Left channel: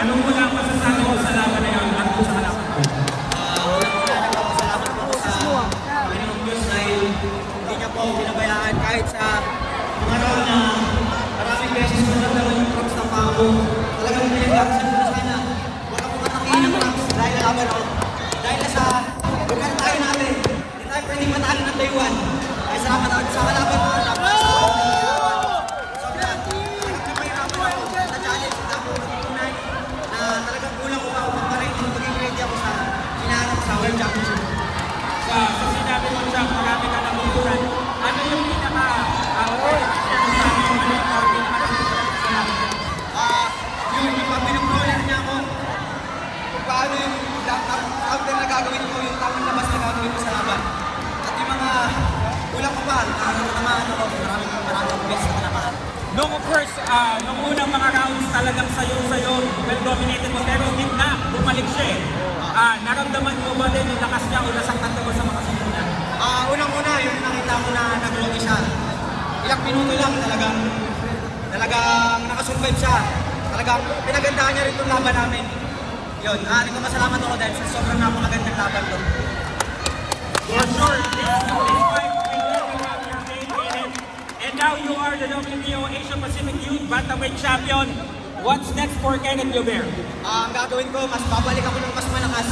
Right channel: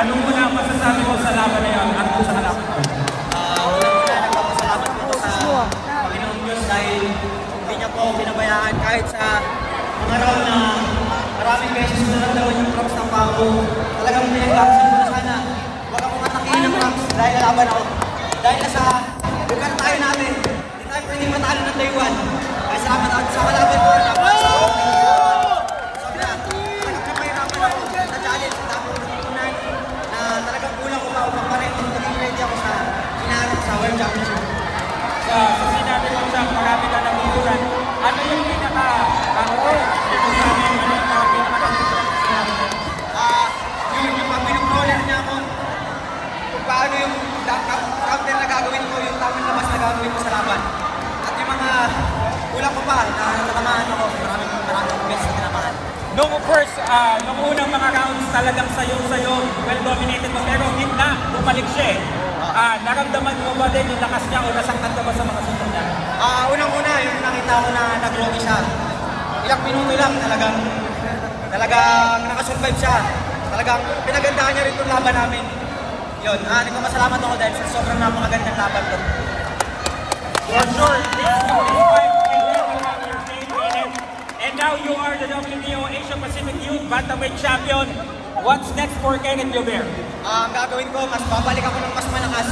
Ano muna ang masasabi mo sa laban na yun at kung sa kalaban? Unang-una, nagpapasalamat po sa Panginoong Diyos dahil hindi niya po ako pinabayaan kahit sa mga round na maraming beses na nagdawan yung props ng pako. Talagang pinag-action ko na sana. Huwag akong atakihin ng props dahil lalaban ako. Dahil nasa lugar tayo natin, hindi tayo pwedeng matalo ng day 1. Kaya sa kalaban ko, dapat sa opening sobra. Talagang napahirapan ako sa challenge. Tapos tunay na talagang kulang ko pa upang pa rin maging ready ako sa hinahanap sa World Championship. Sa sinabi mo sa marami ka ng bulan, ano yung Yung pag pinag-roller niya ako, kung paano yung counter na gagawin ko, yung tamang labas na gagawin ko sa laban. At yung mga kulang ko pa, natatamaan ako, maraming beses na tinamaan. Nung first, nung unang mga rounds talagang sayo, well dominated mo, pero gitna, bumalik siya eh. Naramdaman mo ba din yung lakas niya o nasaktan ka ba sa mga suntok niya? Unang-una, yung nakita ko na nag-rocky siya. Ilang minuto lang, talagang nakasurvive siya. Talagang pinagandahan niya rin itong laban namin. Yun, nagpapasalamat ako dahil sa sobrang napakagandang laban to. For sure, and now you are the WBO Asia Pacific Youth Bantamweight Champion. What's next for Kenneth Llover? Ang gagawin ko, mas babalik ako ng mas malakas.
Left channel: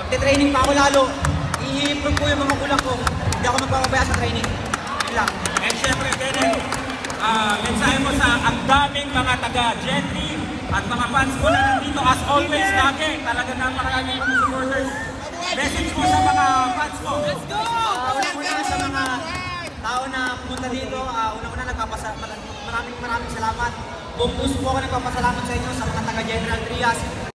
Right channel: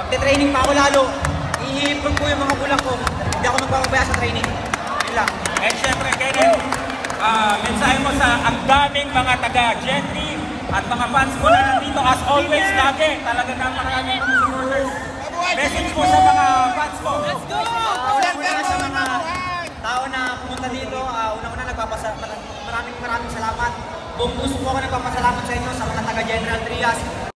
Pagte-training pa ako lalo, i-improve ko yung mga kulang ko. Hindi ako magpapabaya sa training. Yun lang. And syempre, Kenneth, mensahe mo sa ang daming mga taga-Jetty at mga fans mo na nandito as always lagi. Talaga napakaraming mga supporters. Message mo sa mga fans mo. Let's go! Una-una sa mga tao na pumunta dito, una-una maraming salamat. Buong puso po ako nagpapasalamat sa inyo, sa mga taga-General Trias.